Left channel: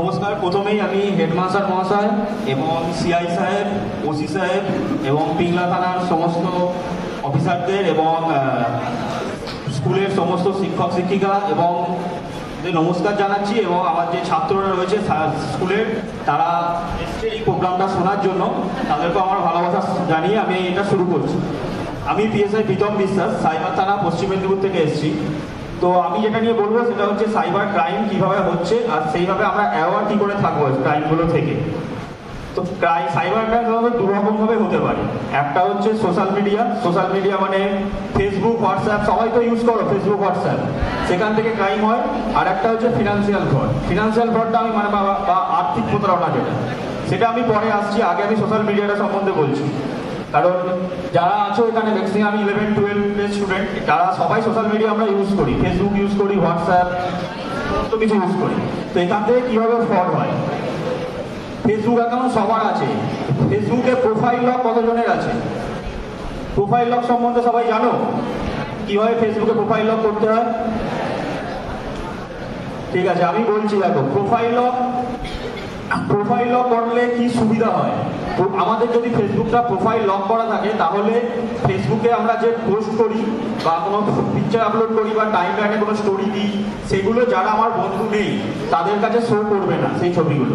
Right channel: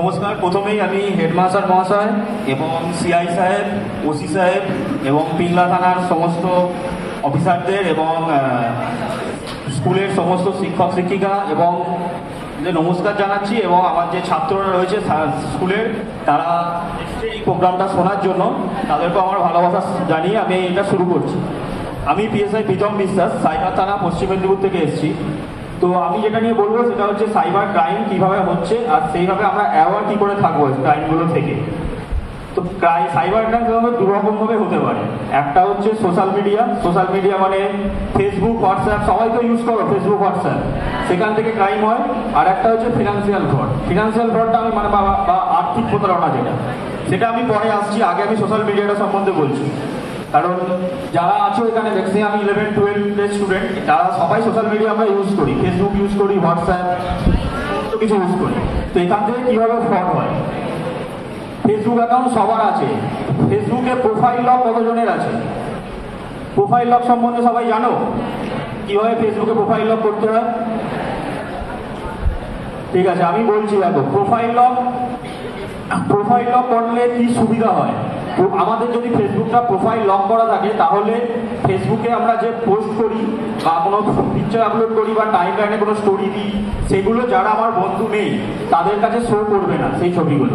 নমস্কার। প্রথমেই আমি হেডমাস্টার মহাশয় এবং সিআই সাহেব, ওসি সাহেব এবং পিংলা থানার সমস্ত অফিসারদের এবং স্কুলের সমস্ত শিক্ষক শিক্ষিকা এবং নমস্কার জানাচ্ছি, এবং আমার যে ছাত্ররা রয়েছে স্কুলের, তারা এই প্রোগ্রামটা শোনার জন্য তাদেরকে আমার ভালোবাসা জানিয়ে আমি এটা শুরু করছি। আমি পিএসআই প্রীতম বিশ্বাস, সাইবার থানা, পশ্চিম মেদিনীপুর থেকে এসেছি। তো আমি যেটা নিয়ে বলবো সেটা হচ্ছে সাইবার ক্রাইম কীভাবে হচ্ছে আর সেইভাবে আমরা অ্যাওয়ার কী করে থাকবো ক্রাইমগুলো থেকে। তো সাইবার ক্রাইম দুরকমভাবে হতে পারে। একটা হচ্ছে সোশ্যাল মিডিয়া মানে ফেসবুক, হোয়াটসঅ্যাপ, সবাই তো ইউজ করো ফেসবুক, হোয়াটসঅ্যাপ, সেখান থেকে ক্রাইম হয়। আর একটা হচ্ছে ফিনান্সিয়াল ফ্রডটা আমি মানে বা আর্থিক প্রতারণা সেটা আমি পরে আসছি। আগে আমি সোশ্যাল মিডিয়াটা সম্বন্ধে বলছি, কারণ যারা আছো এখানে ম্যাক্সিমাম 11-12 স্টুডেন্ট, তারা সবাই সোশ্যাল মিডিয়া আমরা ইউজ করি, ফেসবুক ইউজ করি, হোয়াটসঅ্যাপ, সমস্ত কিছু ইউজ করি। তো এখান থেকে কীভাবে ফ্রড হয়? ফেসবুক অ্যাকাউন্ট সবার আছে। ফেসবুকে প্রোফাইল লক কতজনের আছে? প্রোফাইল লক সম্বন্ধে সবাই জানো কিভাবে ফেসবুকে প্রোফাইল লক করতে হয়? ঠিক আছে, আমি বলছি। দেখো, প্রোফাইল লক করলে কি সুবিধা হয়? আমাদের যদি ফেসবুকটা প্রোফাইল লক করা থাকে, তাহলে ফেসবুকে আমরা যে পোস্ট করি বা কোনো পিকচার আপলোড করি বা টাইম লাইনে কোনো স্টোরি দিই, সেগুলো যারা আমার বন্ধু নেই তাদের কাছে শো করবে না সেই ছবিগুলো।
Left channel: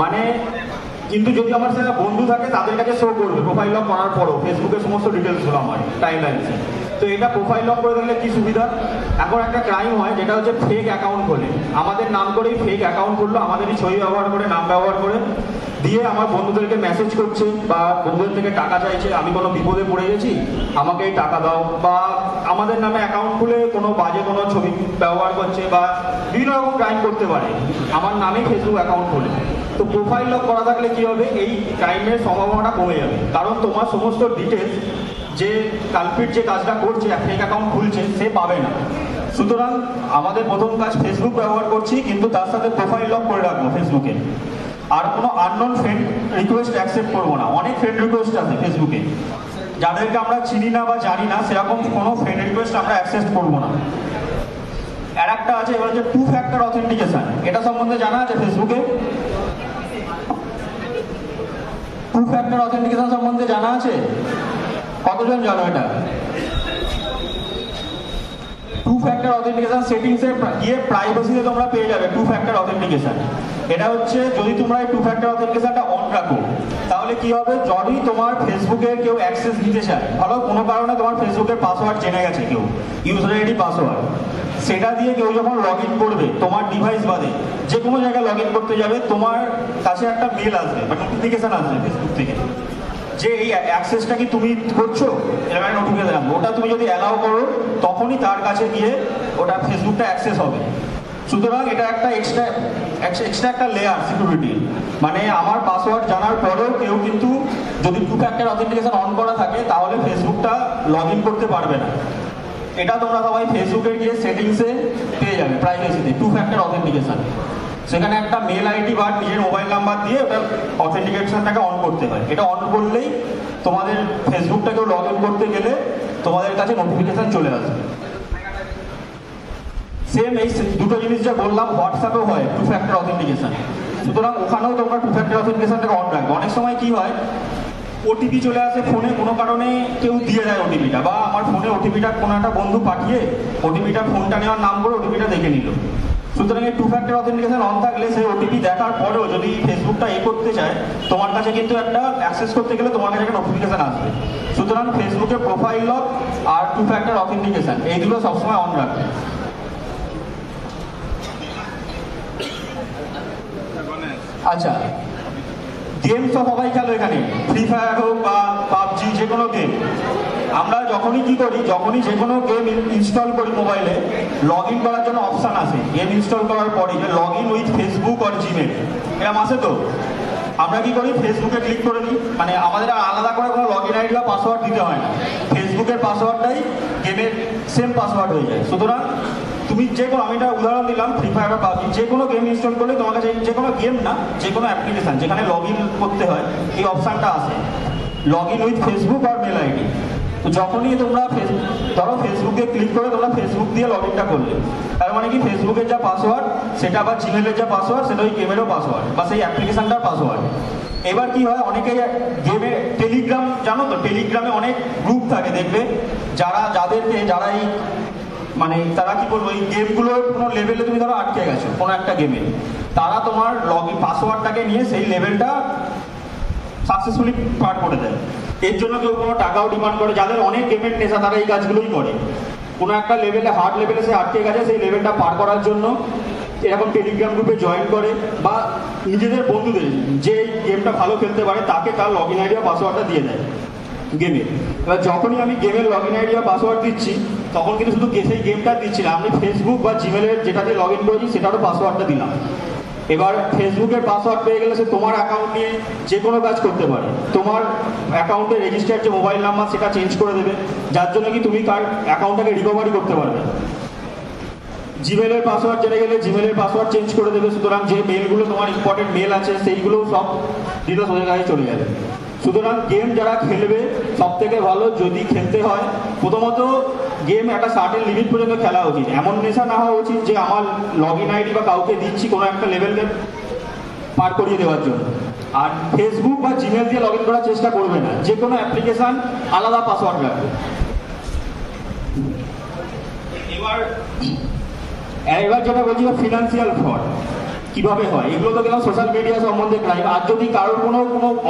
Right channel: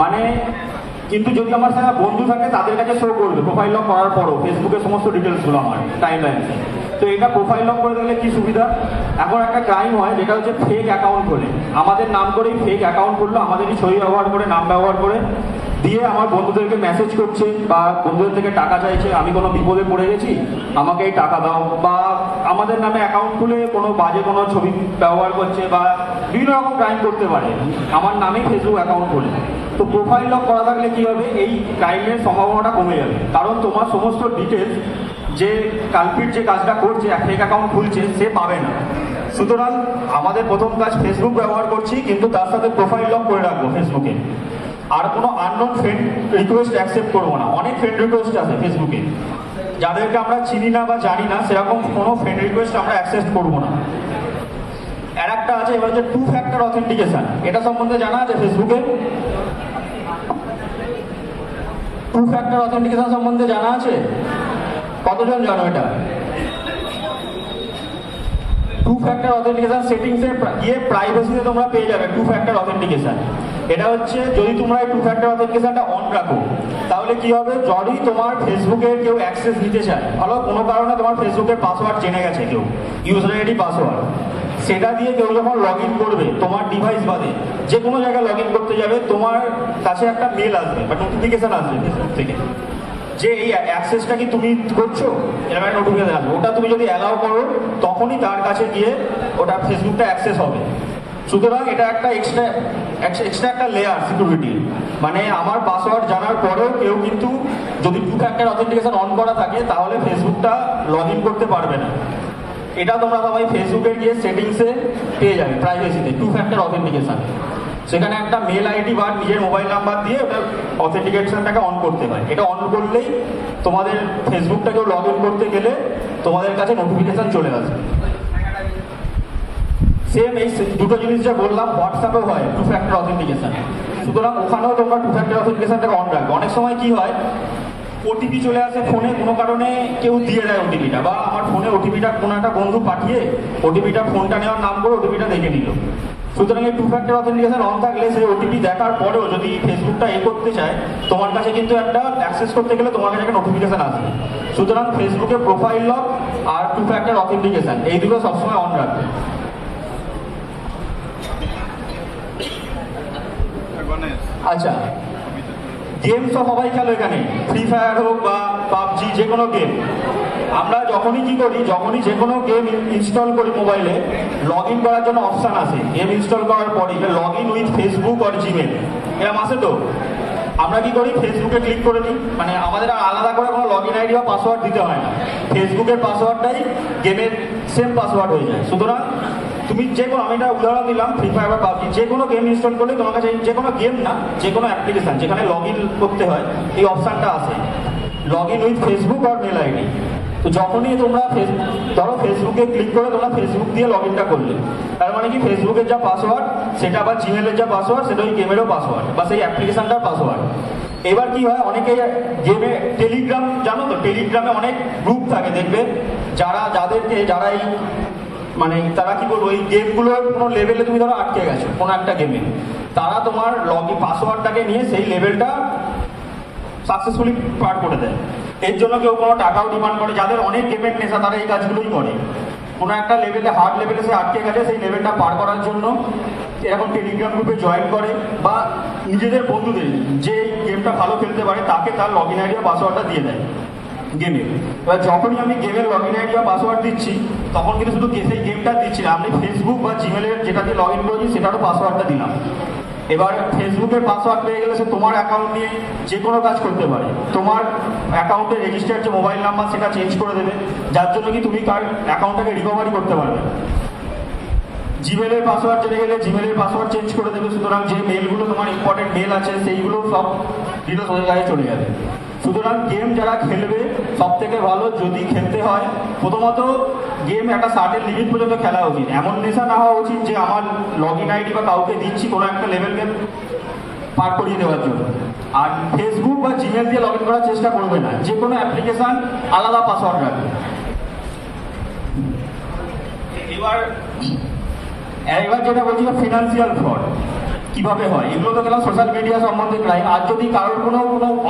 মানে কিন্তু যদি আমার সেটা বন্ধু থাকে তাদের কাছে শো করবে প্রোফাইল লক করার পরও ফেসবুকের সমস্ত ডিটেলসগুলো আমার টাইম লাইনে। তো এটা প্রোফাইল লক করে দিলে কি সুবিধা? এখন একটা ক্রাইম হয় যেটা হচ্ছে ফেক অ্যাকাউন্ট করে, আমাদের নাম করেই ফেক অ্যাকাউন্ট করলো, আমাদেরই ছবি ব্যবহার করে, নাম ব্যবহার করে দিয়ে আমার বন্ধুদেরকে মেসেজ করছে বা বন্ধুদের থেকে টাকা চাইছে, আমি কোনো বিপদে পড়ে গেছি, আমাকে এই টাকা দাও, বা আমাদের নামে অ্যাকাউন্ট খুলে কোনো বাজে কোনো ছবি ব্যবহার করছে বা বিভিন্ন রকম ক্রাইম করতে পারে আমার নামে ফেসবুক অ্যাকাউন্ট করে। তো প্রোফাইল লক করা থাকলে কী হবে? এই ক্রাইমের সম্ভাবনাটা কমে যাবে, কারণ তোমার সমস্ত ডিটেলস যে কালপিট যে কাজটা করছে, ফেক অ্যাকাউন্ট খুলছে, সে পাবে না। সুতরাং আমাদের প্রথম কাজ, ফেসবুক ব্যবহার করছি কিন্তু তার সাথে প্রোফাইল লক করে রাখবো ফেসবুকে। আর কোনো আননোন ফ্রেন্ড রিকোয়েস্ট অ্যাকসেপ্ট করবো না। অনেক ফ্রেন্ড রিকোয়েস্ট আছে ফেসবুকে, যাদেরকে আমরা চিনি না বা জানি না, সেরকম কোনো ফ্রেন্ড রিকোয়েস্ট আমরা অ্যাকসেপ্ট করবো না। আর একটা আছে, এবার হচ্ছে 2 ফ্যাক্টর অথেন্টিকেশন। এটা সম্বন্ধে জানা আছে ফেসবুকে? 2 ফ্যাক্টর অথেন্টিকেশন সম্বন্ধে জানা আছে? কতজন জানো এটা? 2 ফ্যাক্টর অথেন্টিকেশন সেটিংসে গিয়ে প্রাইভেসিতে তোমরা পেয়ে যাবে 2 ফ্যাক্টর অথেন্টিকেশন। এটা হচ্ছে, যদি তোমরা এই 2 ফ্যাক্টর অথেন্টিকেশনটা অন রাখো, তাহলে কি হবে? যদি তোমার ফেসবুকের কেউ অ্যাক্সেস নিতে চায়, ভালো কোনো কারণে তোমার ফেসবুকের পাসওয়ার্ড জেনে গেছে কেউ, ইউজার আইডি পাসওয়ার্ড, সেটা দিয়ে কেউ যখন লগ ইন করবে তোমার ডিভাইস বাদে যে কোনো জায়গায় লগ ইন করতে যাবে, তোমার কাছে একটা মেল আসবে বা নোটিফিকেশন আসবে ফেসবুক থেকে যে এই অ্যাক্সেসটা কি তুমি করছো, এরকম একটা নোটিফিকেশন আসবে। ওটা তুমি যদি অ্যালাউ করো, তখনই তার কাছে গিয়ে ওটা ফেসবুকটা অ্যাক্সেস হবে। সুতরাং এটা একটা এক্সট্রা একটা লেয়ার সিকিউরিটি। মানে আমার পাসওয়ার্ড জানার পরেও কেউ কিন্তু যদি 2 ফ্যাক্টর অথেন্টিকেশন অন করা থাকে, তাহলে ফেসবুকটা লগ ইন করতে পারবে না। এটা তোমরা সবাই ফেসবুকে গিয়ে সেটিংসে পেয়ে যাবে, প্রাইভেসিতে 2 ফ্যাক্টর অথেন্টিকেশন। সেখানে একটা মেল আইডি বা নিজের মোবাইল নাম্বার দিয়ে ওটা অথেন্টিকেশনটাকে অন করতে হয়। এটা অন করলেই তোমাদের ফেসবুকটাকেও লগ ইন করতে গেলে তোমাদের কাছে নোটিফিকেশন চলে আসবে। সেম এই দুটো জিনিস যা বললাম, হোয়াটসঅ্যাপেও হয় 2 ফ্যাক্টর অথেন্টিকেশন। সুতরাং ওখানেও তোমরা 2 ফ্যাক্টর অথেন্টিকেশনটাকে অন রাখবে। অনেক সময় কি হয়, ওটিপি চলে আসে ফোনে, কোনো কারণে কেউ দিয়ে দেয় ওটিপিটা, বা আমার ফোনে ওটিপিটা কোনো একটা বন্ধু পাঠিয়ে ওটিপিটা ফোনটা নেওয়ার নাম করে ওটিপিটা দেখে নিল। সুতরাং এই 2 ফ্যাক্টর অথেন্টিকেশন অন থাকলে সেই ওটিপি দেখার পরেও যদি ফেসবুকটা করতে চায়, তোমার কাছে কিন্তু একটা অ্যাক্সেস করতে গেলে তোমার কাছে একটা নোটিফিকেশন আসবে। সুতরাং ফেসবুকে প্রোফাইল লক আর 2 ফ্যাক্টর অথেন্টিকেশন এইগুলো সবসময় অন রাখবে। আচ্ছা, গেম তো সবাই খেলো এখানে, ফ্রি ফায়ার হোক বা পাবজি, যে কোনো গেম। আমরা যখনই কি করি, যখনই যে কোনো গেম ইনস্টল করি মোবাইলে, লগ ইন করার জন্য অপশান আসে গেম ইনস্টল করার পরে, যে লগ ইন উইথ ফেসবুক আর জিমেল, এরকম আসে। তো আমরা কি করি, ফেসবুকে ক্লিক করে দিই। মানে আমাদের আলাদা করে কোনো লগ ইন আইডি বা পাসওয়ার্ড দিতে হয় না, ফেসবুকের পাসওয়ার্ডটাই গেমের সেম পাসওয়ার্ড হয়ে যায়। সুতরাং তুমি যে কোনো, আমি একটা উদাহরণ দিলাম, ফ্রি ফায়ার বা পাবজি, যে কোনো গেম ইনস্টল করলে তোমার কাছে, যে কোনো গেম না, যে কোনো অ্যাপ্লিকেশন যেখানে লগ ইন করতে হয়, এই অপশানটা আসে, লগ ইন উইথ ফেসবুক আর মেল আইডি। তো যখনই তোমরা ধরো ফেসবুকে ক্লিক করে তোমরা ফেসবুক দিয়ে লগ ইনটা করলে, তার মানে কি ফেসবুকের যা পাসওয়ার্ড সেটা বা জিমেলের যা পাসওয়ার্ড সেটা ওই গেমেরও পাসওয়ার্ড বা সেই অ্যাপ্লিকেশনটার পাসওয়ার্ড। এবার কি হয়, অনেকে গেমে টেলিগ্রাম, জানো তো টেলিগ্রামে অনেক গ্রুপ থাকে দেখবে, যারা এই মানে তারা কি বলবো এই গেমগুলোর কোনো লেভেলে তুমি ধরো আটকে গেছো কোনো একটা গেমে, তারা তোমার লগ ইন পাসওয়ার্ডটাকে নিয়ে সেই লেভেলটা সাকসেসফুলি পার করে দেয়। এর জন্য কেউ কোনো টাকাও ডিমান্ড করে, যাদের অনেক গেমের নেশা তারা এই কাজগুলোই করে। কোনো একটা লেভেলে হার্ড লেভেলে সে আটকে গেছে, সেই লেভেলটা পার করার জন্য এরকম টেলিগ্রাম গ্রুপে জয়েন করে বা নিজেদের বন্ধুদের যে গেমটা ভালো খেলতে পারে তাকে তার লগ ইন আইডি পাসওয়ার্ডটা দিয়ে দেয় গেমে। এবার যখনই আমি গেমের লগ ইন আইডি পাসওয়ার্ড দিচ্ছি তখন কিন্তু শুধু সেই গেমটা দিচ্ছি না, আমি ফেসবুক বা জিমেলের যেটাতে লগ ইন করেছি সেটারও পাসওয়ার্ডটা দিলাম। এবার ফেসবুকের পাসওয়ার্ড পেয়ে গেলে সে তোমার অ্যাকাউন্ট নিয়ে যে কোনো কাজ করতে পারে, তোমার অ্যাকাউন্টে রেজিস্টার্ড যে মোবাইল নাম্বার সেটা চেঞ্জ করে দেবে, যার জন্য কি তুমি তার অ্যাকাউন্টটাকে রিকভারি করতে পারবে। জিমেলের পাসওয়ার্ড জেনে গেলে জিমেলের পাসওয়ার্ড চেঞ্জ করে দেবে, সুতরাং যে মেলগুলো তোমার ইম্পর্টেন্ট মেল আছে সেইগুলো সব ডিটেলস ওদের কাছে চলে যাবে। সুতরাং গেম যারা খেলবে সব থেকে ভালো যদি খেলতে হয়, প্রথমত গেম একটা সার্টেন লিমিট পর্যন্ত খেলা উচিত। এমন নেশা না হওয়া উচিত যে আমার লগ ইন আইডি বা কাউকে দিচ্ছি কোনো একটা লেভেলকে পার করিয়ে দেওয়ার জন্য। আর ফেসবুক বা জিমেল দিয়ে লগ ইন করার চেষ্টা করবে না, যে কোনো অ্যাপ্লিকেশন আলাদা পাসওয়ার্ড রাখবে। এবার যেটা বলছি ফিনান্সিয়াল ফ্রড কিভাবে হয়, এগুলো তো গেলাম সোশ্যাল মিডিয়া সম্বন্ধে ক্রাইম। আর যদি কারোর কোনো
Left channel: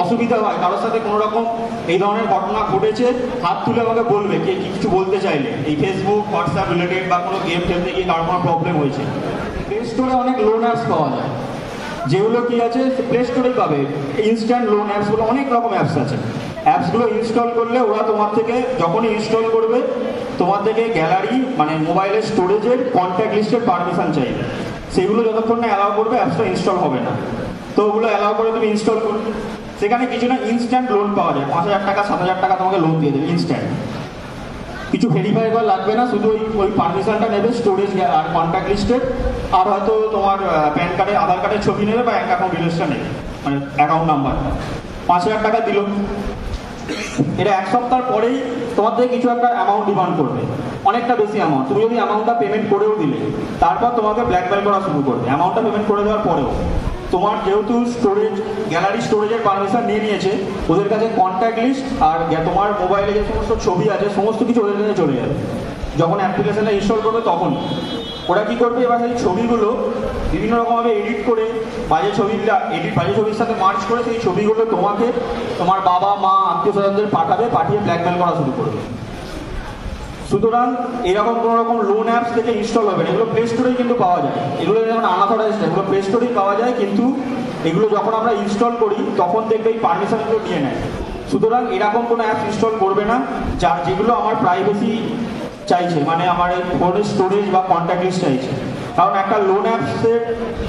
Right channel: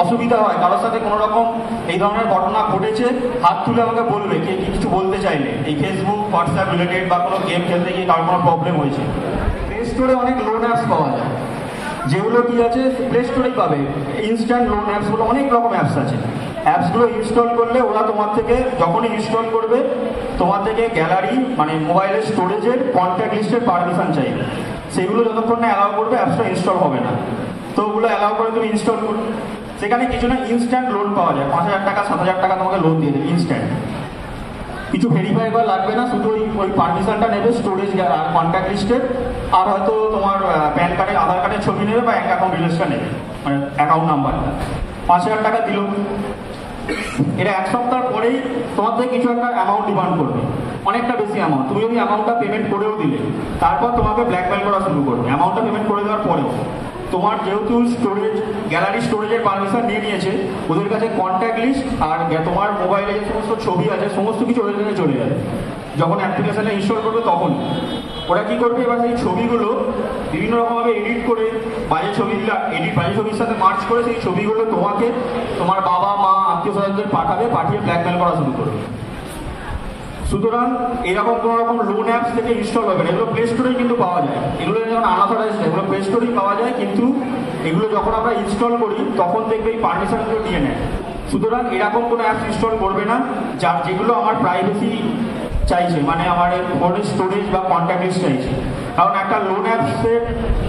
অসুবিধা হয়, কারোর সাথে কোনো রকম এই ধরনের ঘটনা ঘটেছে, হাত তুলে আমাকে বলবে কে কিছু বলতে চাইলে, এই ফেসবুক হোয়াটসঅ্যাপ রিলেটেড বা কোনো গেম খেলতে গিয়ে কারোর কোনো প্রবলেম হয়েছে। প্লে স্টোরে অনেক লোন অ্যাপস পাওয়া যায়, যেগুলো কি আছে প্লে স্টোরেই পাবে। ইনস্ট্যান্ট লোন অ্যাপসগুলো অনেক রকম অ্যাপস আছে। অ্যাপসগুলো ইনস্টল করলে ওরা তোমার থেকে যখনই ইনস্টল করবে তোমার থেকে গ্যালারি মানে মোবাইলের স্টোরেজের কন্ট্যাক্ট লিস্টের পারমিশন চাইবে। সেগুলো যতক্ষণ না অ্যালাউ করবে অ্যাপসটা ইনস্টল হবে না। তো ওগুলো অ্যালাউ করে তুমি ইনস্টল করবে। সেখানে কিছু না ইনস্ট্যান্ট লোন পাওয়া যায়, 5,000 টাকা 7,000 টাকা তোমাকে লোন দিয়ে দেবে ইনস্ট্যান্ট। কিছু ভেরিফাই করা লাগবে না, শুধু ওই পারমিশনটা নেবে স্টোরেজ আর কন্ট্যাক্ট লিস্টের, আর হয়তো তোমার প্যান কার্ডের আধার কার্ডের ছবি নেবে বা ব্যাঙ্ক অ্যাকাউন্ট ডিটেলসটা নেবে, মানে অ্যাকাউন্ট নাম্বার। 5,000 টাকা দিল, এটা 1 সপ্তাহ পরেই তোমার থেকে কিছু একটা অ্যামাউন্ট ডিমান্ড করবে, অনেকটা বেশি অ্যামাউন্ট। তুমি যদি অ্যামাউন্টটা পেমেন্ট করেও দিলে তারপর তোমাকে ব্ল্যাকমেল করা শুরু করবে। অ্যামাউন্টটা পেমেন্ট করে দেওয়ার পরে তোমার যেহেতু স্টোরেজ গ্যালারি স্টোরেজের পারমিশন নিয়ে নিয়েছে, ওদের কাছে কন্ট্যাক্ট লিস্ট আর তোমার মোবাইলে যে সমস্ত ছবি আছে সমস্ত কিছু ওদের কাছে চলে যাবে। যখন অ্যাপ্লিকেশনটা ইনস্টল করবে তখন ওরা কি করবে, এবার সেই ছবিগুলো বিভিন্ন রকমভাবে এডিট করে বাজে ছবির সাথে মার্চ করে সেই ছবিগুলো তোমাকে তোমার বাবা মা আত্মীয় স্বজনদের পাঠিয়ে ব্ল্যাকমেল করা শুরু করবে। সুতরাং এরকম কোনো রকম লোন অ্যাপস থেকে ইনস্টল হবে না, এগুলো প্লে স্টোরেই কিন্তু পাওয়া যায়। এগুলো যেমন আনঅথরাইজড, এগুলো প্লে স্টোরেই পাওয়া যায়, কিন্তু এগুলো যখন আমরা ইনস্টল করি তখন দেখবে এই পারমিশনগুলো নিয়ে নেয়। সুতরাং এরকম কোনো অ্যাপস ইনস্টল করবে না যেগুলো আমার প্রাইভেসি চাইছে, মানে আমার ফোনের স্টোরেজ বা কন্ট্যাক্ট লিস্ট চাইছে। কারণ একটা লোন অ্যাপসে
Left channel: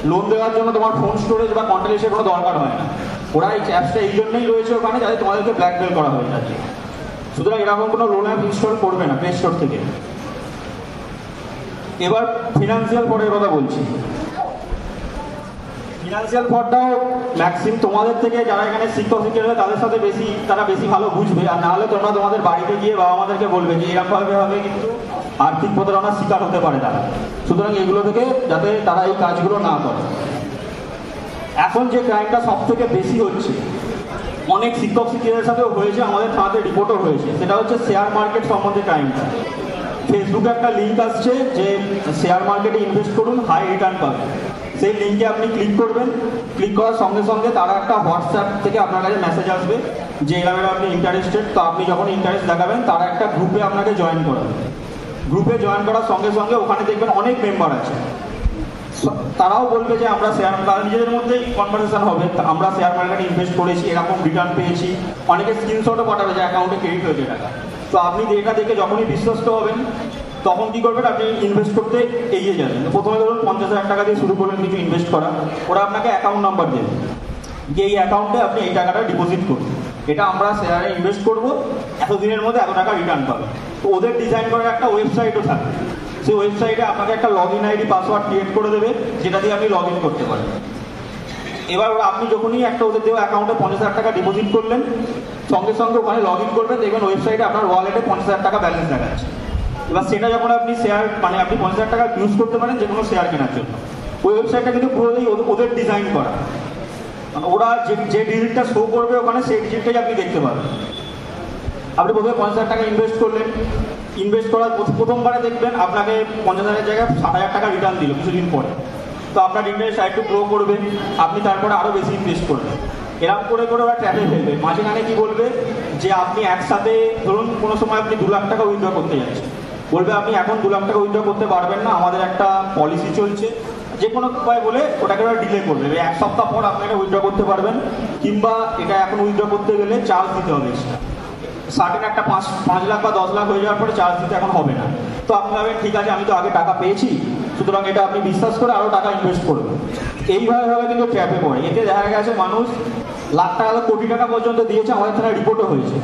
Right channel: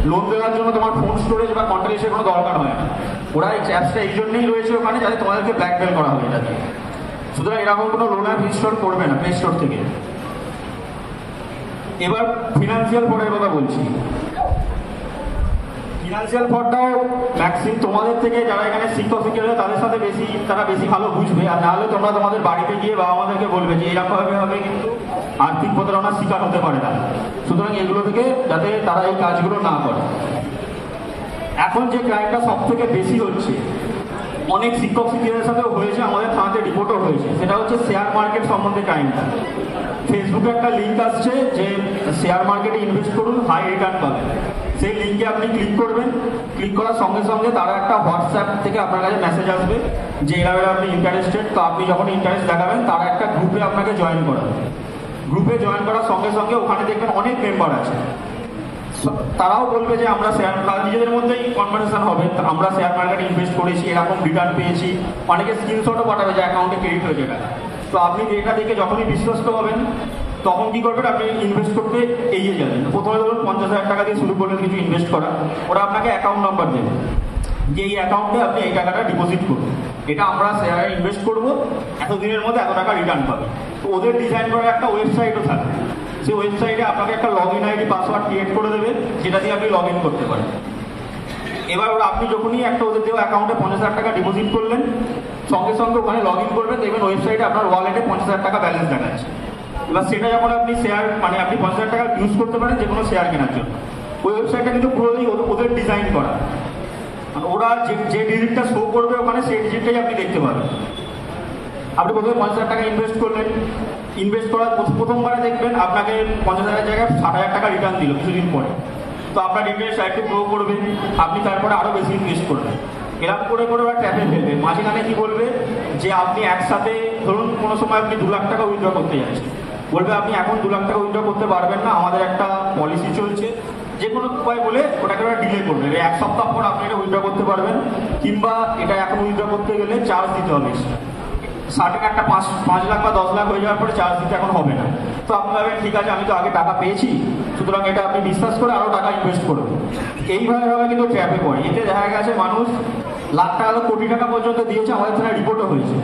লোন দেওয়ার জন্য তোমার ফোন স্টোরেজ বা কন্ট্যাক্ট লিস্টের কোনো দরকার হয় না। ওরা এই অ্যাপসটা এই জন্যই রয়েছে ওখানে যাতে তোমাদেরকে ব্ল্যাকমেল করা হয়ে যাবে। সুতরাং এরকম কোনো লোন অ্যাপ ইনস্টল করবে না প্লে স্টোর থেকে। এবার ফিনান্সিয়াল ফ্রডের কথা বলছি। ফিনান্সিয়াল ফ্রডটাও ম্যাক্সিমাম তোমাদের থেকে যারা এখানে শিক্ষক শিক্ষিকা তাদের সাথে তারা বেশি ভালো বুঝবে। আর নাহলে তোমরা তোমাদের বাড়িতে গিয়ে বাবা মাদেরকে বলবে যে এরকমভাবে হবে, কিন্তু আর্থিক প্রতারণার শিকার হতে পারে না। সুতরাং এগুলো থেকে যাতে তারা এই কাজগুলো না করে। এখন যে ক্রাইমটা সব থেকে বেশি হচ্ছে, অনেক শিক্ষক শিক্ষিকাদের সাথেও হয়েছে, আমাদের থানাতে রিপোর্টও হয়েছে, সেটা হচ্ছে শেয়ার মার্কেট সম্বন্ধে ক্রাইমটা। ফেসবুকে একটা লিঙ্ক আসছে যে শেয়ার মার্কেটে ইনভেস্ট করুন, হাই রিটার্ন পাবেন। সেই লিঙ্কে আপনি ক্লিক করবেন, ক্লিক করার সঙ্গে সঙ্গে তারা একটা হোয়াটসঅ্যাপ থেকে আপনার কাছে মেসেজ আসবে যে এভাবে আপনি ইন্টারেস্টেড। তো আপনি যখন ইন্টারেস্ট দেখাবেন তারা একটা গ্রুপে আপনাকে জয়েন করাবে। গ্রুপে জয়েন করার সঙ্গে সঙ্গে ওখানে দেখবেন অনেক মেম্বার আছে, তারাও বলবে যে আমরা নিজেদের মধ্যেই কনভারসেশন হবে, আমরা শেয়ার মার্কেটে ইনভেস্ট করেছি, এরকম রিটার্ন পেয়েছি। অনেকে স্ক্রিনশটও পাঠাবে যে অ্যাকাউন্টে ক্রেডিট হয়েছে টাকা। তো আপনি এটা দেখে যখনই বিশ্বস্ত হবেন তখন কি করবেন, আপনি ইনভেস্ট করতে এগিয়ে যাবেন। প্রথমে ধরুন 50,000 টাকা দিয়ে শুরু করলেন কিছু ইনভেস্ট করা, ওরা আপনাকে অ্যাকাউন্ট নাম্বার দেবে যে এই অ্যাকাউন্টে আপনি এই টাকাটা ডিপোজিট করুন, এটা আমরা শেয়ারে ইনভেস্ট করবো, এতদিনের মধ্যে এত টাকা রিটার্ন পাবেন। তো ওদের ডিজাইন করার একটা ওয়েবসাইটও থাকে, সেই ওয়েবসাইটে আপনাকে একটা log in ID password create করে দেবে যেটা দিয়ে আপনি লগ ইন করতে পারেন। এবার আপনি যখনই একটা ওদের দেওয়া অ্যাকাউন্টে 50,000 টাকা ডিপোজিট করলেন, সঙ্গে সঙ্গে ওখানে লগ ইন করবেন, দেখবেন ওয়েবসাইটে আপনার ওয়ালেটে 50,000 টাকা ব্যালেন্স দেখাচ্ছে। এবার সেটা যখন আপনি শেয়ার মানে আপনি 50,000 টাকা ইউজ করতে পারেন যে কোনো শেয়ার কেনার জন্য। ওই ওয়েবসাইটটা কিন্তু পুরোই ওদের ডিজাইন করা, ওরা যে ডিজিটটা শো করবে ওখানে সেই ডিজিটটাই আপনি দেখতে পাবেন। আপনি প্রথমে 50,000 টাকা ইনভেস্ট করলেন, ইনভেস্ট করার প্রথমবারে দেখবেন আপনাকে 50,000 জায়গায় 60,000 টাকা রিটার্ন দিল কিছুদিন পরে। তো আপনার ইন্টারেস্ট একটু গ্রো করবে, আপনি তারপরে আরও বেশি ইনভেস্ট করবেন। এরকম করে করে ওরা ট্র্যাপে ফেলবে। মাঝখানে কি বলবে যে আপনি একসাথে ধরুন কোনো সময় আপনি 2 লাখ টাকা উইথড্র করতে যাচ্ছেন, বলবে আপনি এখন 2 লাখ টাকা উইথড্র করতে পারবেন না, আমাদের একটা পলিসি চলছে, যে কোনো উপায় বলে ওটাকে ওরা ডিলে করবে। 1 সপ্তাহ পর আপনাকে উইথড্র করতে পারবেন, কিংবা এটা এখন উইথড্র করতে গেলে চার্জ দিতে হবে। সার্টেন একটা 5 লাখ বা 10 লাখ হয়ে যাওয়ার পরে চার্জ দিতে এখন হবে না। তো আপনি ভাবেন ঠিক আছে আমি তো আগে টাকা পেয়েছি, সুতরাং এটা আপনি বিশ্বাস করে আরও টাকা ইনভেস্ট করবেন। এইভাবে কিন্তু ট্র্যাপে পড়ে। এতে দেখা গেছে মানুষ লাখ টাকা কোটি টাকা পর্যন্ত দিয়েছে, আমাদের থানায় রিপোর্টও হয়েছে।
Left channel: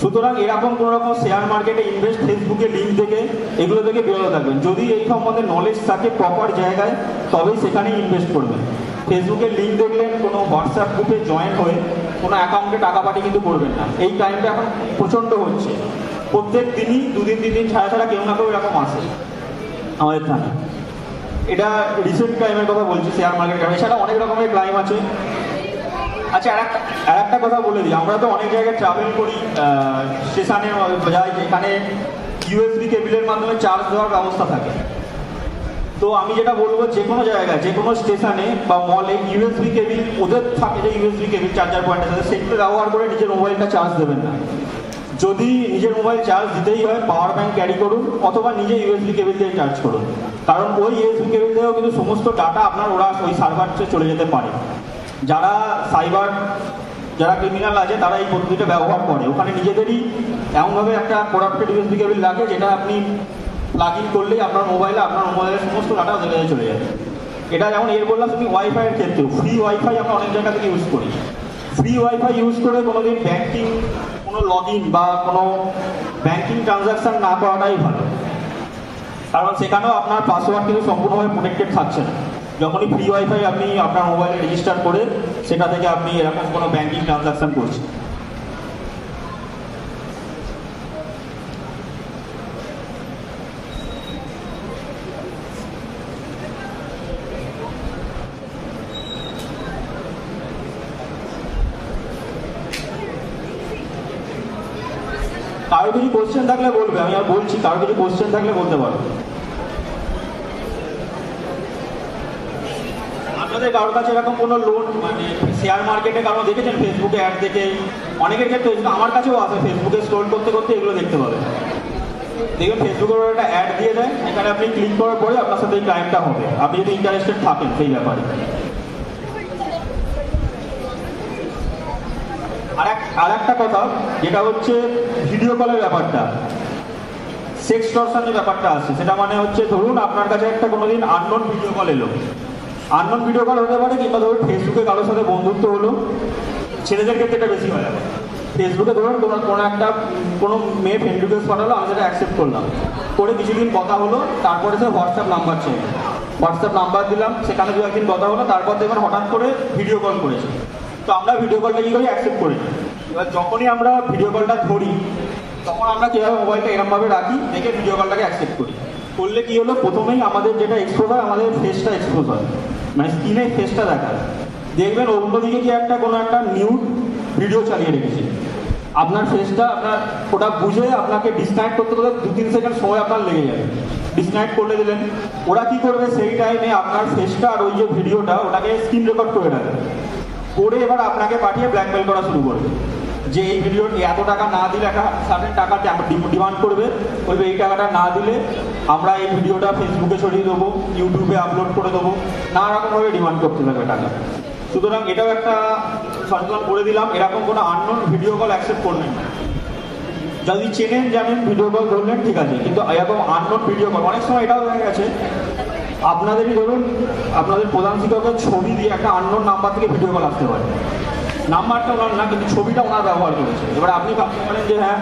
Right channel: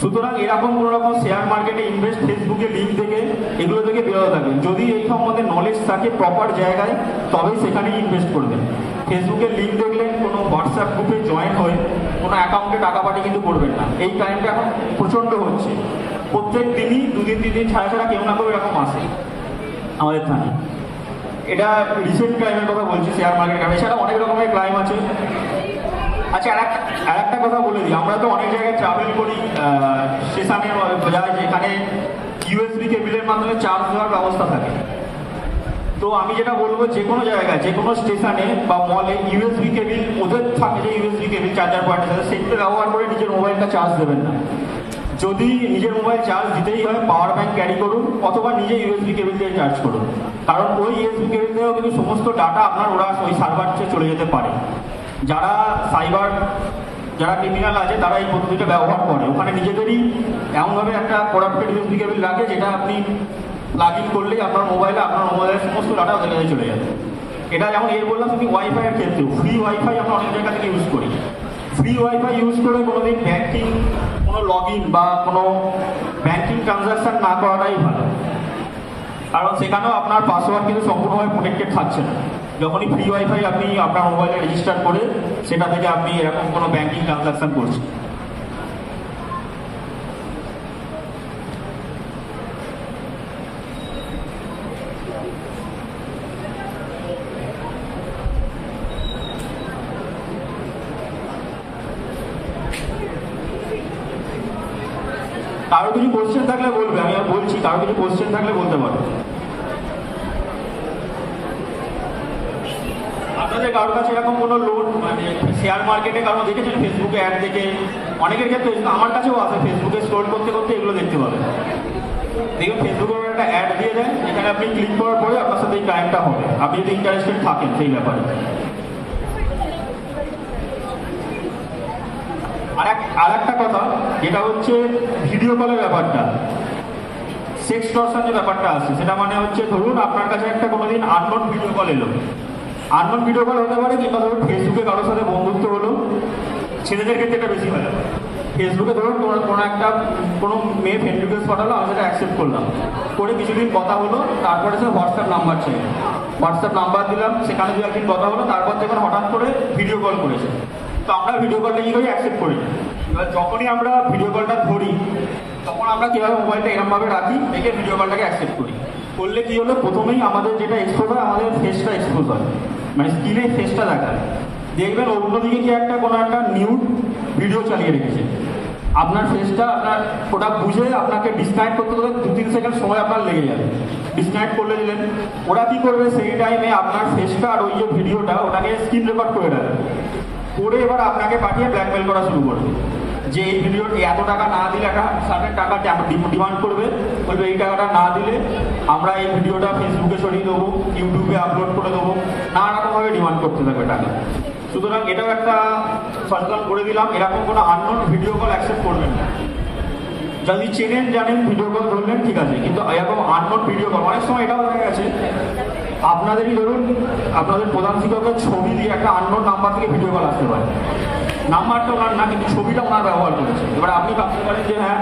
সুতরাং এরকম কোনো রকম শেয়ার মার্কেটে ইনভেস্ট, ফেসবুকে লিঙ্ক থেকে এগুলো থেকে বিরত থাকবেন। যদি এই সম্বন্ধে নলেজ থাকে প্রপার জায়গায়, তবেই সেখানেই ইনভেস্ট করবেন। ফেসবুকের লিঙ্ক দেখলেন, কোনো হোয়াটসঅ্যাপ গ্রুপে জয়েন হয়ে কোনো অ্যাকাউন্টে টাকা পাঠিয়ে কিন্তু করবেন না। এই টাইমটা এখন প্রচণ্ড হচ্ছে, প্রত্যেক দিনই 2 দিন 3 দিন ছাড়া ছাড়া কেউ না কেউ এরকম আসে আমাদের থানায়। এটা রিসেন্ট ক্রাইমের কথা বলছি, শেয়ার মার্কেট। এছাড়া অনেক রকমের ক্রাইম আছে। আচ্ছা, আর একটা কথা বলে দিই, আমরা তো অনেক জায়গায় ট্রাভেল করি, স্টেশনে যাই যেখানে ইউএসবি কেবিলের মাধ্যমে চার্জ দেওয়ার ব্যবস্থা থাকে। তো আমি যেটা বলবো, যে কোনো জায়গায় যে কোনো স্টেশনে বা মলে ইউএসবি কেবিল ওদের থাকে, যে ইউএসবি কেবিল চার্জার পয়েন্ট আছে, সেগুলো ব্যবহার করে নিজের মোবাইলটা চার্জ দেবেন না। যদি নিজের মোবাইল চার্জ দিতেই হয়, পাওয়ার ব্যাংক ক্যারি করুন, অথবা নিজে ইউএসবি কেবিল দিয়ে চার্জ করুন। কারণ ওই ইউএসবি কেবিল দিয়েও কিন্তু সমস্ত ডাটা আপনার ওরা ওই সার্ভারে চলে যেতে পারে। যারা ক্রিমিনাল আছে তারা এই পদ্ধতিটা ব্যবহার করে। ওখানে নিজেদেরই এমনভাবে একটা করাপ্টেড ইউএসবি কেবিল লাগে, যেটা আপনি প্লাগ ইন করলেই আপনার মোবাইলের সমস্ত ডাটা চলে যাবে। এটা যেমন বললাম তুমি ওয়াইফাইয়ের ক্ষেত্রে, ফ্রি ওয়াইফাই আমরা অনেক জায়গা থেকে ইউজ করি। ফ্রি ওয়াইফাই ইউজ করে কোনোদিন ব্যাংকিং, কোনো লগ ইন বা কোনো ব্যাংকিং ট্রানজাকশন না করাটাই ভালো। কারণ সেখানেও আপনার পাসওয়ার্ড কিন্তু সম্পূর্ণভাবে প্রোটেক্টেড থাকছে না। যখনই ফ্রি ওয়াইফাই আপনি আপনার মোবাইলে রেজিস্টার করে সেটা থেকে আপনি এরকম কোনো ব্যাংকিং ট্রানজাকশন করছেন। কারো কিছু কোশ্চেন থাকলে বলবে, আমি আর বলছি, কারো কিছু কোশ্চেন থাকলে বলতে পারো। আপনাদের কারোর কাছে এরকম কোনো লোন মানে শেয়ার মার্কেটে কারণ দেখেছেন ফেসবুকে অ্যাড দেখে, অনেকের ক্ষেত্রে আমার কাছেও আছে, ফেসবুকে স্ক্রল করতে করতে এগুলো দেখতে পাবেন। দেখবেন ফেসবুকের একটা অ্যাড দিয়ে দেয়, এখানে আপনি ক্লিক করার পরে আপনার সাথে এই ক্রাইমটা হবে, আপনি যদি ইন্টারেস্টেড থাকেন সেই ব্যাপারে। আর একটা কথা যেটা হচ্ছে ভিডিও কলের ব্যাপারটা, সেক্সটরশনের ব্যাপারটা আছে। সেটা মানে হচ্ছে ধরুন আপনার কাছে একটা কোনোদিন আননোন ভিডিও কল এলো, আননোন ভিডিও কল হতে পারে, কিংবা ধরুন ফেসবুকে কারোর সাথে বন্ধুত্ব হলো, ছেলেদের ক্ষেত্রে এটা বেশি হয়। ফেসবুকে ধরুন কোনো মেয়ে ফ্রেন্ড রিকোয়েস্ট পাঠালো, আমি সেটা অ্যাকসেপ্ট করলাম, করে কিছুদিন কথা হলো, তারপরে স্যার হোয়াটসঅ্যাপ নাম্বার চাই, হোয়াটসঅ্যাপ নাম্বার দিলাম, সেখানে 2-1 দিন কথা হলো, তারপর দেখবেন হঠাৎ করে ভিডিও কল করেছে। তো আমরা ভিডিও কলটা কি করি, অ্যাকসেপ্ট করি। এবার যখনই আমরা ভিডিও কলটা ধরি, তখন আমরা কীভাবে মোবাইলটা এরকমভাবে রাখি, দেখে ভিডিও কলটাকে অ্যাকসেপ্ট করি। করলে কি হলো, প্রথমেই আমাদের যেটা এক্সপোজ হয়, আমাদের ফেসটা এক্সপোজ হয়, মানে স্ক্রিনে ফেসটা দেখায়। দেখবেন অন্যদিকে কি কোনো একটা নিউ ভিডিও চালিয়ে রেখেছে, আপনার ফেসটা আপনার ওটা বুঝে আপনাকে ডিসকানেক্ট করতে গেলে 2-3 সেকেন্ড সময় আপনার লেগে যাবে। ডিসকানেক্ট করলে দিলেন, ওরা কি করবে সেই টাইমে আপনার ফেসটা আর ওই যে ভিডিওটা ওটাকে স্ক্রিন রেকর্ড করে রাখবে, করে এবার আপনাকে পাঠিয়ে ব্ল্যাকমেল করা শুরু করবে, যে এই ভিডিওটি এত টাকা না দিলে একটা সার্টেন টাকা ডিমান্ড করবে, বলবে এই টাকাটা না দিলে আমরা এই ভিডিওটা ফেসবুকে ছড়িয়ে দেবো, ইউটিউবে আপলোড করে দেবো, নানা রকমভাবে ডিমান্ড করতে থাকে টাকা। সুতরাং এটাও একটা সচেতন করে দিলাম, এরকম কোনো আননোন ভিডিও কল অ্যাকসেপ্ট করবেন না। যদি চেনেন জানেন ভিডিও কল ধরলেন ঠিক আছে, কিন্তু এরকম আননোন ভিডিও কল অনেক সময় এটাও দেখা গেছে আপনাদেরই ধরুন আপনাদের প্রধান শিক্ষকের ছবি দিয়ে একটা আননোন নাম্বার থেকে ভিডিও কল আসতে পারে, নাম্বারটা না কিন্তু ছবিটা না ব্যবহার করেছে। এবার আপনি ভাবতে পারেন যে হ্যাঁ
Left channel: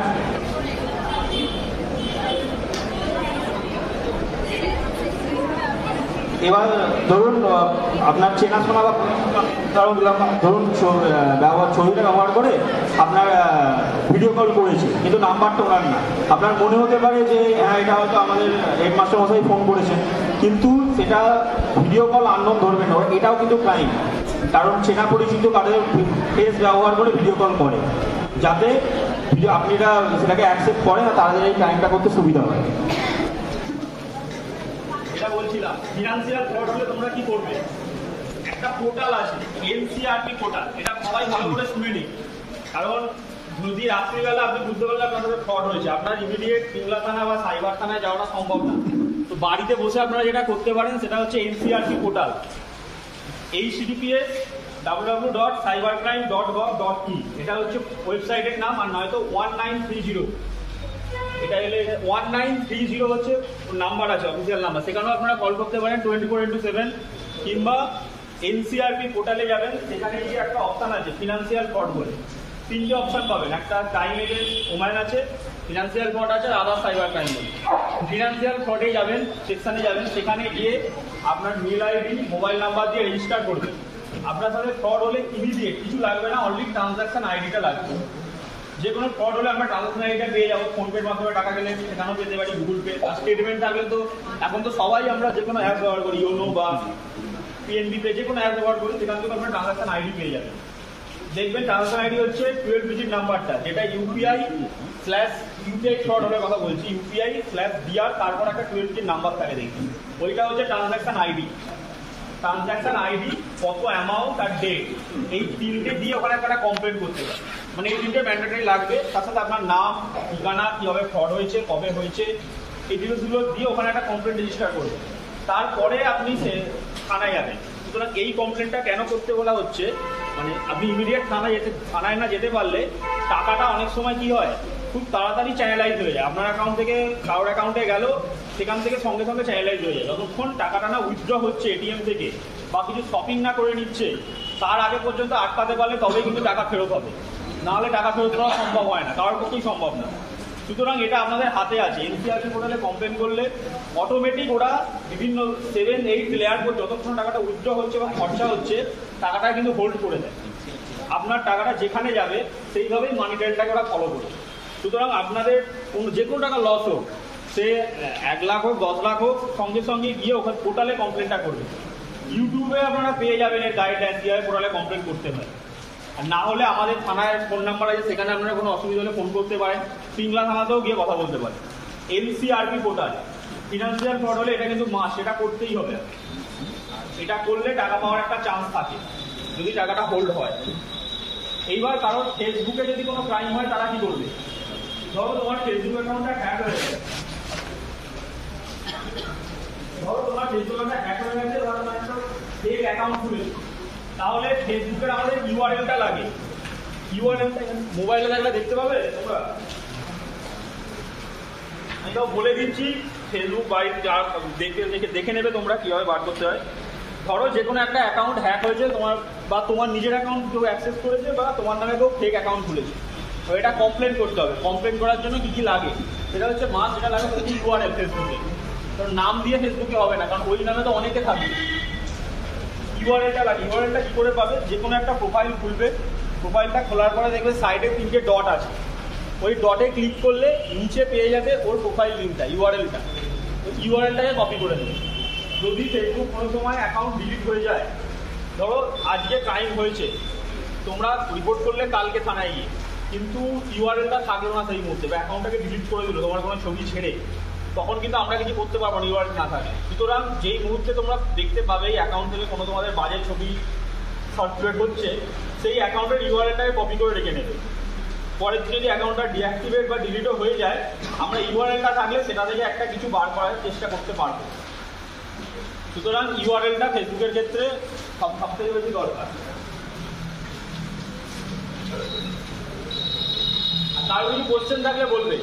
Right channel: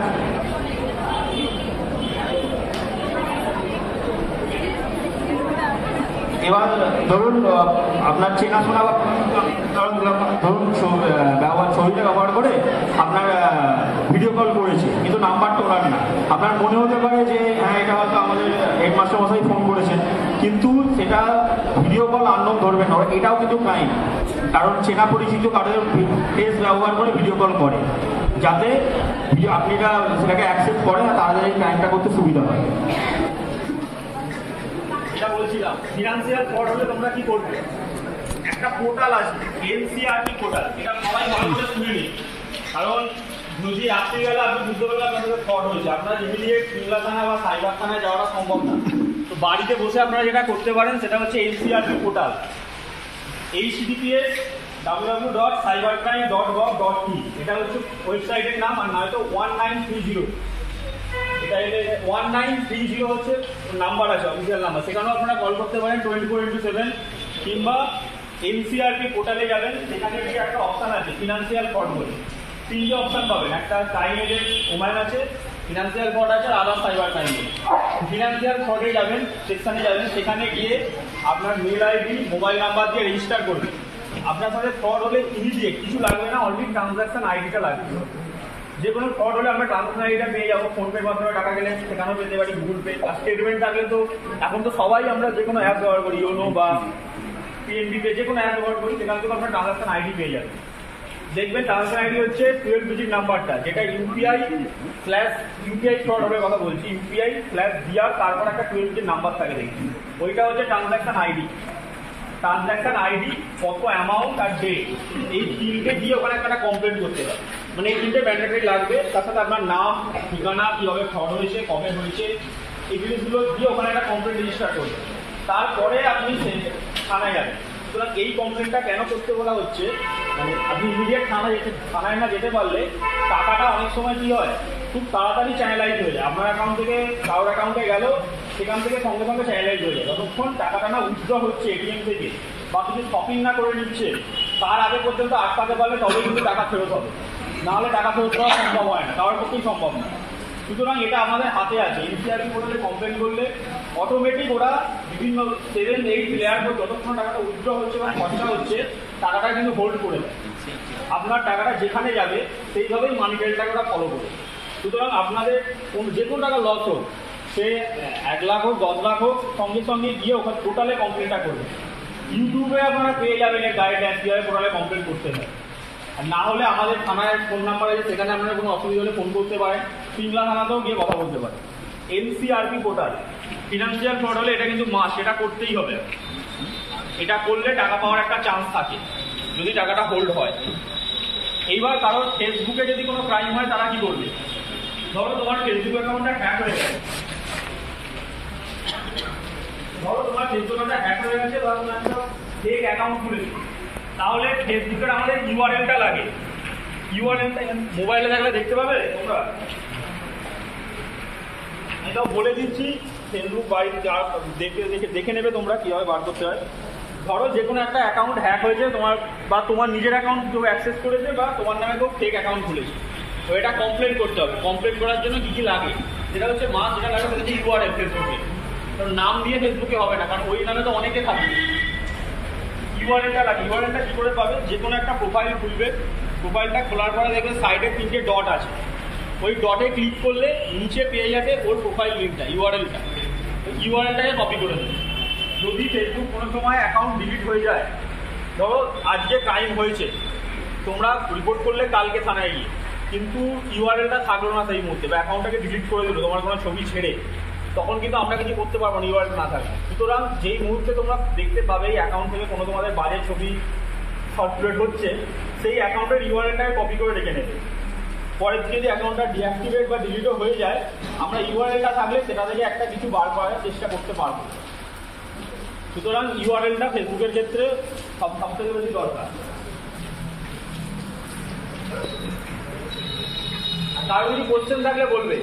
এবার ধরুন আপনার চেনাশোনা, কারণ ধরুন ব্যবহার মহিলা ব্যবহার করে আপনার ভিডিও কল করেছে, কিন্তু নাম্বারটা ওনার নেই। আপনার মনে হতে পারে যে হ্যাঁ এটা হয়তো আমাদের হেডমাস্টার মশাই ফোন করেছেন, কিন্তু সেটা ভিডিও কল আননোন ধরবেন না, এটাও কিন্তু ক্রাইম। কারণ চেনা পরিচিত কারোর ফেস ব্যবহার করে ভিডিও কল করে, যাতে আপনারা সেটাকে অ্যাকসেপ্ট করেন আর তাদের এই ক্রাইমটা করতে সুবিধা হয়। এটা বলছিলাম ফিনান্সিয়াল ফ্রড হলে তোমরা কি করবে। একটা পোর্টাল আছে এনসিআরপি পোর্টাল, এটা সবাই ভালো করে শুনে নিন। কারণ যদি রাত্রিবেলা আপনি বুঝতে পারলে আপনাদের ফ্রড হয়েছে, আপনার ইমিডিয়েট সিমলা থানা বা সাইবার থানায় যাওয়াটা সম্ভব না। তো বাড়িতে বসে আপনারা যেটা করতে পারেন সেটা হচ্ছে এনসিআরপি পোর্টাল, https://www.cybercrime.gov.in, এটা হচ্ছে ওয়েবসাইটের নাম। আর নয়তো 1930, এটা এলে 1930 হচ্ছে নাম্বার আছে, অফিসিয়াল নাম্বার, সেখানেও আপনারা কল করতে পারেন 24x7। কিংবা এনসিআরপি পোর্টালে যাবেন, সেখানে গিয়ে একটা অপশান আছে ফিনান্সিয়াল ফ্রড বলে, 3টে অপশান পাবেন। একটা ক্রাইম এজেন্ট ওম্যান আছে, ফিনান্সিয়াল ফ্রড আছে, আর আদার সাইবার ক্রাইম। ফিনান্সিয়াল ফ্রডে যাবেন, সেকশানে যাবেন, সেখানে গিয়ে আপনার মেল আইডি মোবাইল নাম্বার দিয়ে রেজিস্টার করবেন। আপনার সাথে ফ্রড হলে ইমিডিয়েট কিছু লাগবে না, অনলি ট্রানজাকশন আইডিটা লাগবে। যে কোনো ফ্রড হলে আমরা ট্রানজাকশন আইডিটা পেয়ে যাবো, ফোনপের মাধ্যমে টাকা গেলে সেখানেও পেতে পারি, গুগল পে। আর স্টেটমেন্ট থাকলে তো এখন তো সবাই আমরা যে কোনো অ্যাপ ব্যবহার করি, ইউনো বা পিএনবি পে, যে কোনো অ্যাপ ব্যবহার করি, সেখান থেকে আপনার ট্রানজাকশন আইডি পেয়ে যাবেন। দেখবেন ট্রানজাকশন আইডি হচ্ছে 12 ডিজিট নাম্বারটা, যেটা ইউপিআই ফ্রড হবে কথা বলছি, ইউপিআই/বিআর, তারপর একটা 12 ডিজিট নাম্বার থাকে দেখবেন, ওইটা হচ্ছে ট্রানজাকশন আইডি। ট্রানজাকশন আইডি, কত অ্যামাউন্ট আর ডেট, এই 3টে দিয়ে ওখানে একটা কমপ্লেন করতে হবে। মানে এই 3টে ম্যান্ডেটরি লাগবে, তার সাথে আপনার নাম, ঠিকানা, কীভাবে ফ্রড হয়েছে, কবে হয়েছে, এই জিনিসগুলো দিয়ে ওখানে একটা কমপ্লেন রেজিস্টার করবে। তারপরে আপনি থানায় যাবেন। সুতরাং এই কমপ্লেনটা কেন করতে বলা হচ্ছে, মানে আপনি ইমিডিয়েট থানায় না যেতে পারলে টাকাটা অনেক সময় কি হয়, খুব তাড়াতাড়ি চ্যানেলাইজ হয়ে যায়। আপনার অ্যাকাউন্ট থেকে কারোর অ্যাকাউন্টে গেল, সেখান থেকে সঙ্গে সঙ্গে চ্যানেলাইজ হয়ে যায়। যতক্ষণ টাকাটা না উইথড্র হচ্ছে এটিএম থেকে বা কিছু শপিং না করে নিচ্ছে, তার আগে পর্যন্ত আটকাতে পারলে তবেই কিন্তু টাকা ফেরত হবে, নাহলে টাকা ফেরত করা সম্ভব হয় না, কারোর পক্ষেই সম্ভব না। সুতরাং এটা আমাদের হাতে আছে। এনসিআরপি পোর্টালে কমপ্লেন করলে অটোমেটিক ওরা বিভিন্ন 7-8 লেয়ার পর যতক্ষণ টাকাটা উইথড্র হচ্ছে বা খরচা হচ্ছে, টাকাটা কিন্তু হোল্ড করে দেয়। আপনার টাকাটা যেখানে যাবে সেইভাবেই মানি ট্রেলটাকে ওরা ফলো করে। সুতরাং আপনাদের যে কোনো টাকা লস হোক, সে 1 লাখ হোক, 10 লাখ হোক, সঙ্গে সঙ্গে গিয়ে ওখানে পোর্টালে কমপ্লেনটা করবে। ইউটিউবে আপনারা পেয়ে যাবেন এর গাইডলাইন, কীভাবে পোর্টালে কমপ্লেন করতে হয়। আর না হলে আমাদের থানায় ফোন নাম্বার আছে, সেখানে আপনারা কোনো অসুবিধা হলে ফোন করতে পারেন, সিমলা থানাতেও গিয়ে কথা বলতে পারেন। এনসিআরপি পোর্টাল, ফিনান্সিয়াল ফ্রড হলে এটা কিন্তু মাস্ট, এটা করতেই হবে। এটা করলে টাকা পাওয়ার একটা চান্স থাকে, যদি টাকাটা হোল্ড হয়। এইবার কারোর ফেসবুকে যদি কোনো ক্রাইম হয়, তারা কি করবে। ধরো তোমার ফেসবুক অ্যাকাউন্টটা হ্যাক হয়ে গেছে, বা তোমার ফেক অ্যাকাউন্ট খুলেছে, তাহলে ফেসবুকের আমাদের ইউআরএলটা লাগে। ইউআরএলটা মোবাইলে থাকলে দেখতে পাবে তোমরা, আমি তো বলে দিচ্ছি, ফেসবুক বাড়িতে যা দেখে নেবে তোমরা কীভাবে বার করতে হয়। ধরো যে কোনো একটা অ্যাকাউন্ট হ্যাক হয়েছে তোমার, বা তোমার নিজের অ্যাকাউন্ট কেউ অ্যাক্সেস করেছে, বা তোমার নামে কেউ ফেক অ্যাকাউন্ট খুলেছে, তো এটা কমপ্লেন করতে হবে। কমপ্লেন করার জন্য কী কী লাগে, সেটা হচ্ছে যেটা লাগে সেটা হচ্ছে ইউআরএল ফেসবুকে। কারণ নাম দিয়ে ফেসবুকে হবে না, কারণ ওই নামে তো অনেকে থাকে। ইউআরএলটা লাগে। ইউআরএলটা কী করে পাবে, যে কোনো একটা প্রোফাইল খুলবে, প্রোফাইলটা খোলার পরে দেখবে সাইডে 3টে ডট আছে, ওই ডটে ক্লিক করলে নিচে পেয়ে যাবে ওর প্রোফাইল লিঙ্কটা, ইউআরএলটা। ইউআরএলটাকে কপি করে দেবে। যদি ফেসবুক কোনো সময় অ্যাকাউন্ট ডিলিট হয়ে যায়, ধরো আজকে ক্রাইম হয়েছে, তোমরা রিপোর্ট করলে কালকে থানায় গিয়ে, কিন্তু ইউআরএলটা থাকলো না সেই মুহূর্তে, বা অ্যাকাউন্টটাকে ডিলিট করে দিল তোমার কোনো ছবি ছেড়ে, তখন কিন্তু আমরা কিছু করতে পারবো না ইউআরএল না থাকে। সুতরাং যেই মুহূর্তে তোমরা দেখতে পাবে এই অ্যাকাউন্ট থেকে কোনো তোমাদের বাজে ছবি সার্কুলেট হচ্ছে, সেই অ্যাকাউন্টের ইউআরএলটাকে কপি করে রেখে নেবে। পরে যদি অ্যাকাউন্টটা ডিঅ্যাক্টিভেট বা ডিলিটও হয়ে যায়, আমরা ইউআরএলটা থাকলে সেটা থেকে একটা কিছু বার করার চেষ্টা করতে পারবো। সুতরাং ইউআরএলটা ফেসবুকের ক্ষেত্রে সবথেকে বেশি দরকার। আর কারো কিছু কোশ্চেন থাকলে বলবে।